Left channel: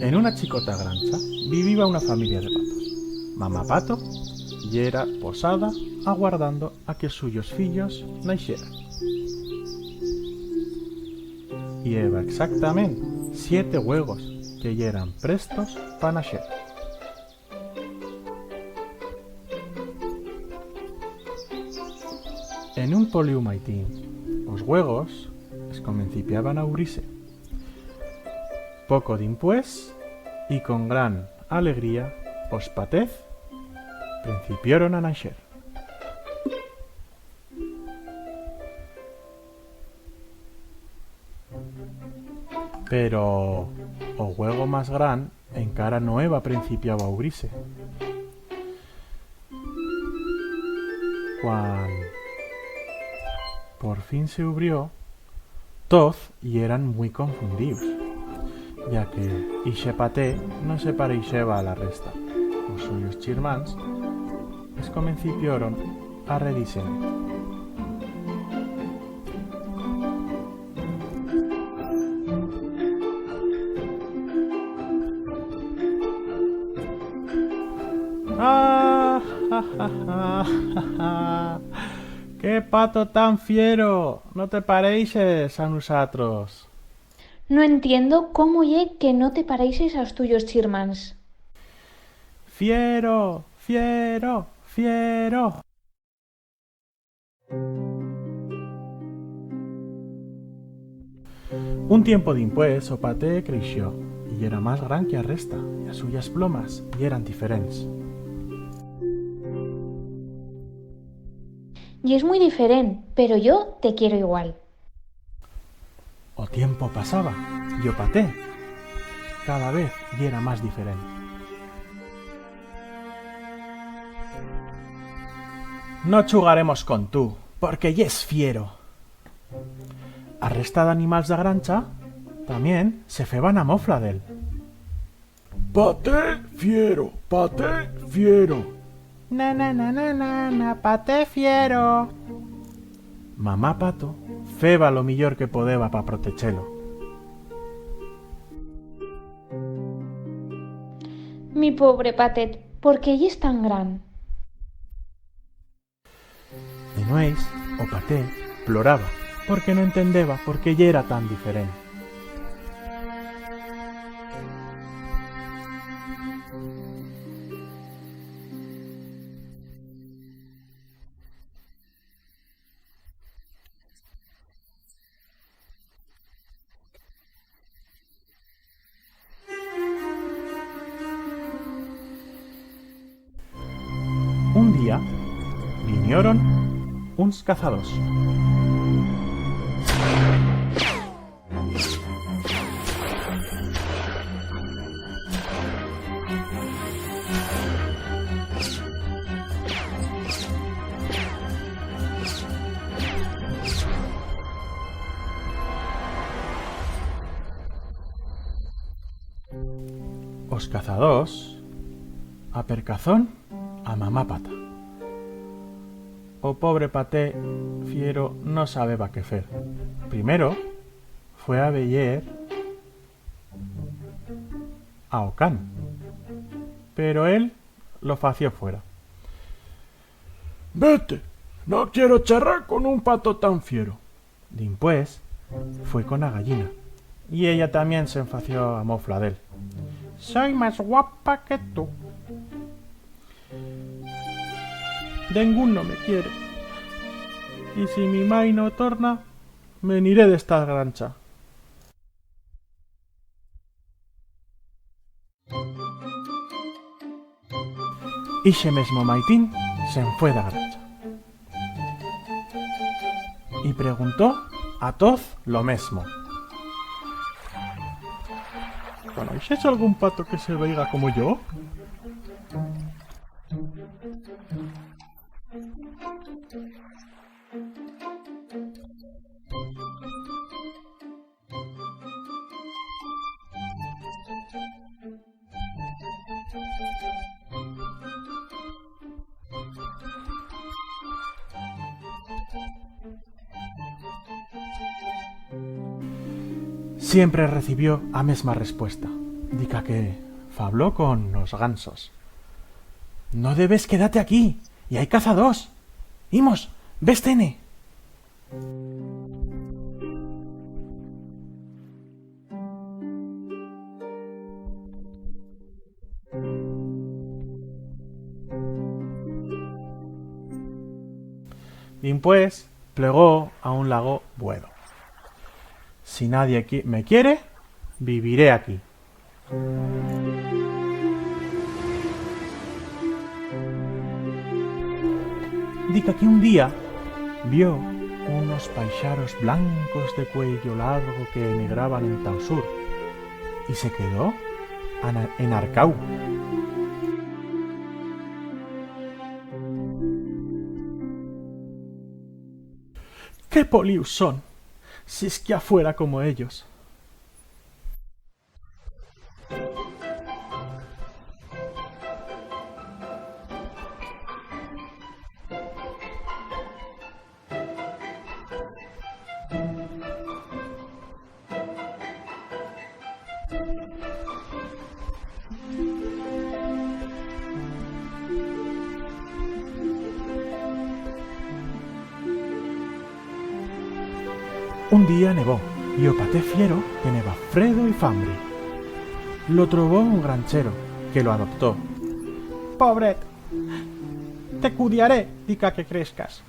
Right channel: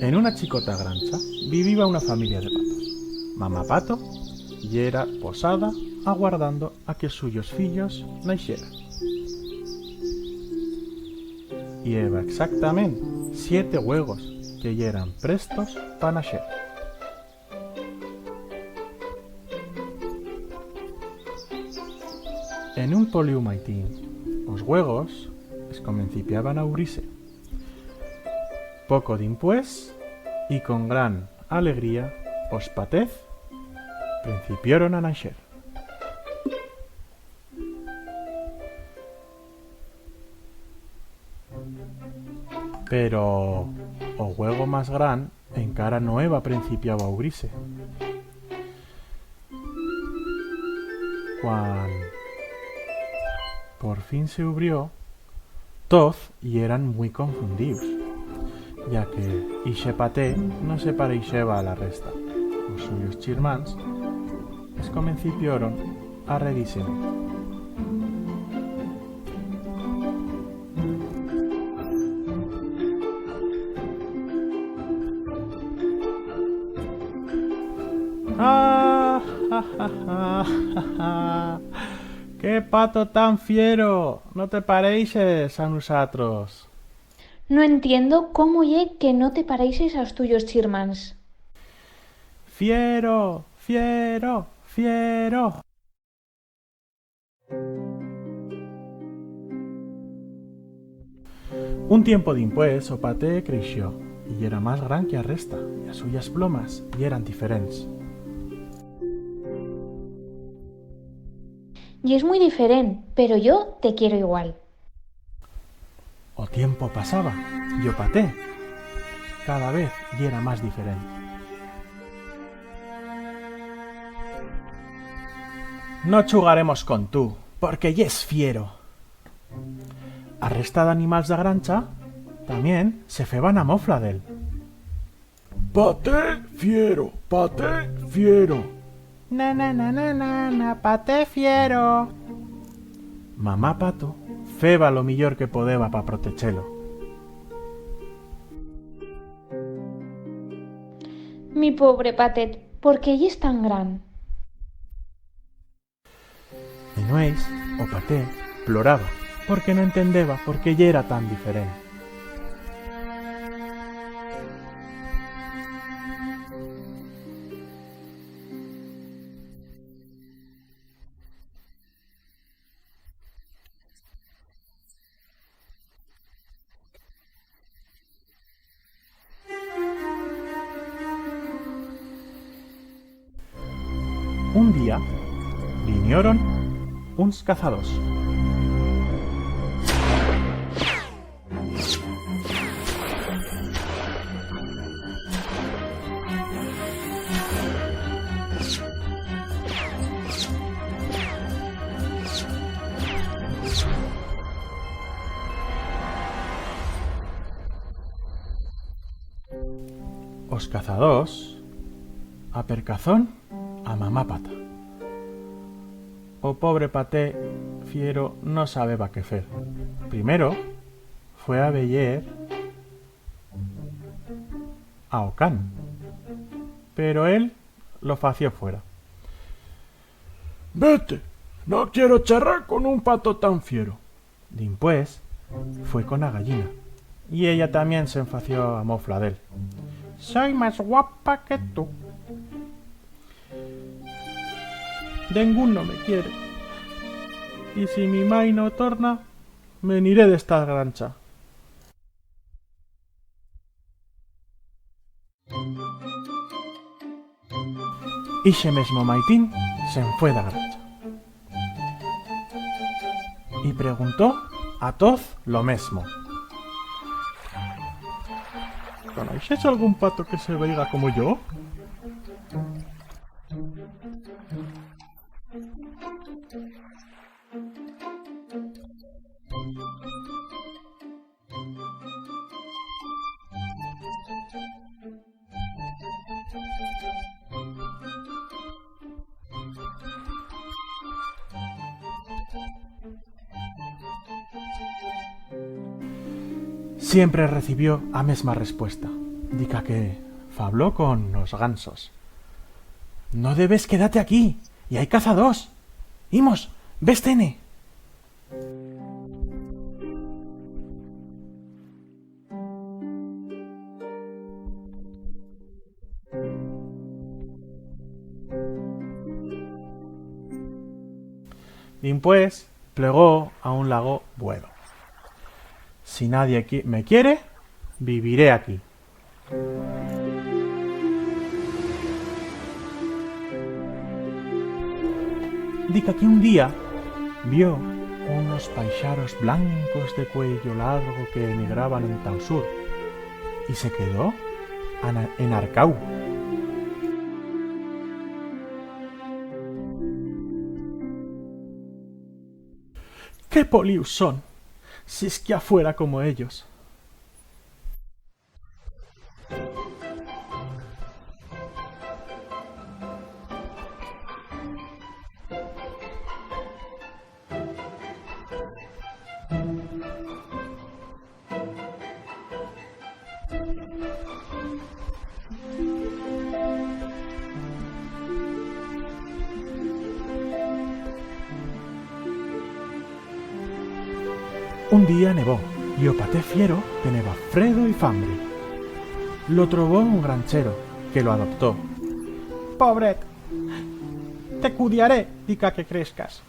En una chicota grancha vivía una familia de patos. Mamá pato yera posada aguardando a que suyos fillos naixeran. Y eva exactamente 7 huevos que yeran prestos pa naxer. En un poliu maitín, os huegos es comencipiaban a ubrise. Poco dimpués, y con gran alegría, os patez principioron a naxer. Pero o huego más gran encara no eva principiado a ubrise. Cuan por fin se ubrió, toz y eran muy confundidos, ya que ixe paté no se pareixeba a la resta. Os suyos chirmans es comencipioron a redísene. ¡Ah! ¡Ja, ja, ja, ja, ja! ¡Qué pato tan fiero! No te pareixes a nosotros. No entiendo cómo ye que no te pareixes aos tuyos chirmans. ¡Fiero! ¡Fiero! ¡Fiero! Un tiempo dimpués o paté creixó y era más gran que a resta, y as suyas plomas y eran diferentes. Y es muy diferente, pero yo te quiero igual. O tiempo pasaba y o paté cada vez y era más diferente. No chugaremos con tú, porque ya es fiero. A resta de animals de grancha también se feban a mofla d'él. Paté fiero, paté fiero. Na na na na na na, paté fiero. Mamá pato feba lo millor que podeba pa protechelo. Mi pobre patet, ¿por qué ye es tan gran? De nueis, o paté ploraba, porque no entendeba por qué ya era tan diferente. Un día vinieron uns cazados. Os cazadors apercazón a mamá pata. O pobre paté fiero no sabeba qué fer. Primero fue a veyer a Ocán, pero él lo fació fuera. Vete, no quiero charrar con un pato tan fiero. Dimpués fue con la gallina, y ella también se enfació a mofla d'él. Soy más guapa que tú. Dengún no me quiere. Y si mi mai no torna, me iré de esta grancha. Ixe mesmo maitín se enfue da grancha. Y preguntó a toz lo mesmo. ¿Conocéis algún pato que se veiga como yo? Siempre recibió a mesma respuesta. dica que fabló con los gansos. No debes quedarte aquí, y hay cazadors. Imos, véstene. Y pues plegó a un lago Buedo. Si nadie me quiere, viviré aquí. Dica que un día vio unos paixaros blancos de cuello largo que emigraban en Tausur y se quedó enarcau. ¡Qué polius son! Si es que afuera como ellos. Un día nevó y o paté fiero teneba fredo y fambre. Lo trobó un granchero que lo adoptó. Pobret, te cuidaré, dica que crezcas.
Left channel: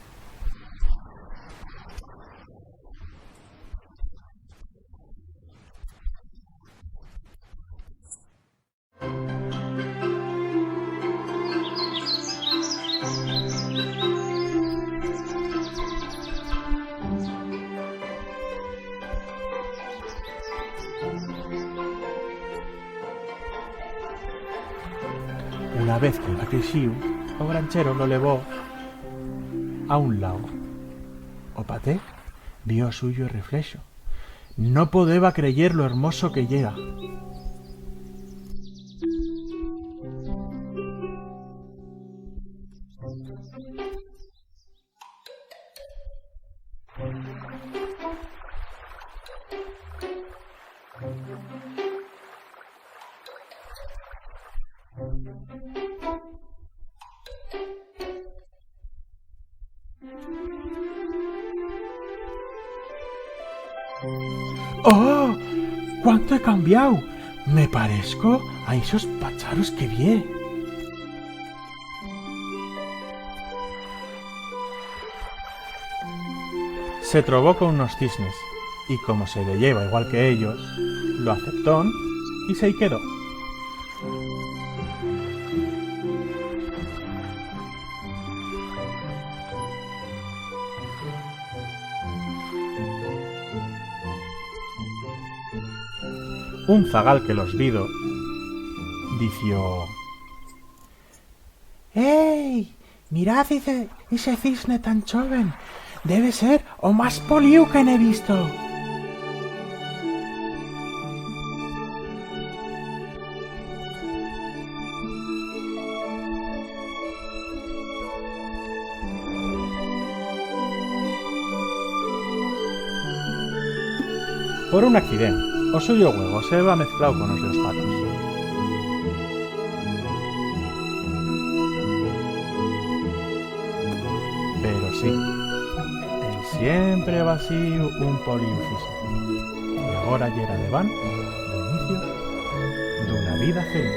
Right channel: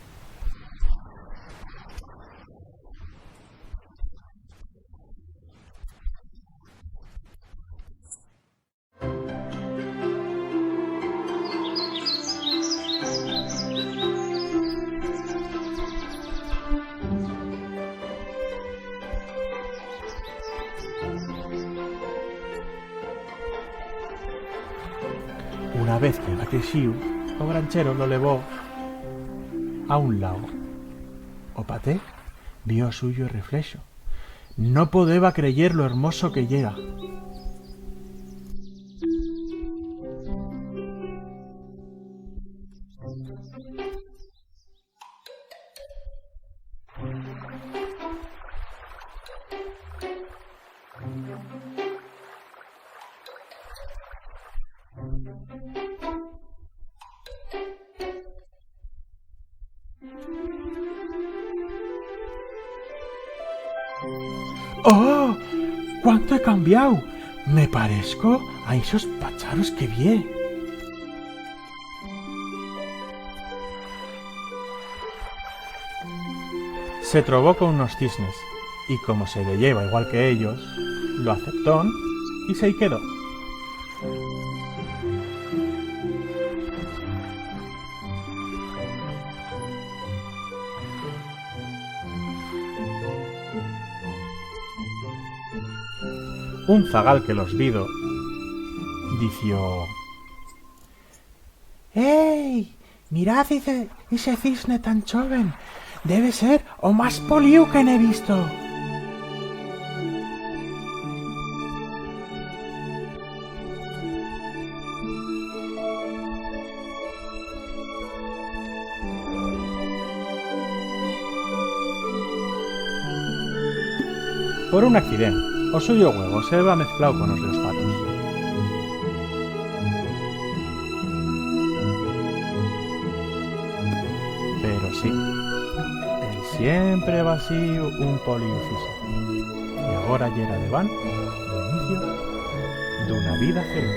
Una vez que va crexiu, o granchero lo levó a un lago. O paté vio suyo reflexo. No podeba creyer lo hermoso que llega. ¡Oh! ¡Cuánto he cambiado! Me parezco a esos pacharos que vi. Se trobó con unos cisnes, y como se le lleva igual que ellos, lo aceptó y se y quedó. Un zagal que los vido dició: ¡Ey! Mirad ese cisne tan joven. Debe ser o más poliu que he visto. Por un accidente, o suyo huevo se va mezclado con los de los patos. Pero sí, él siempre va así un poliucismo. Y agora yera de van do inicio d'una vida feliz.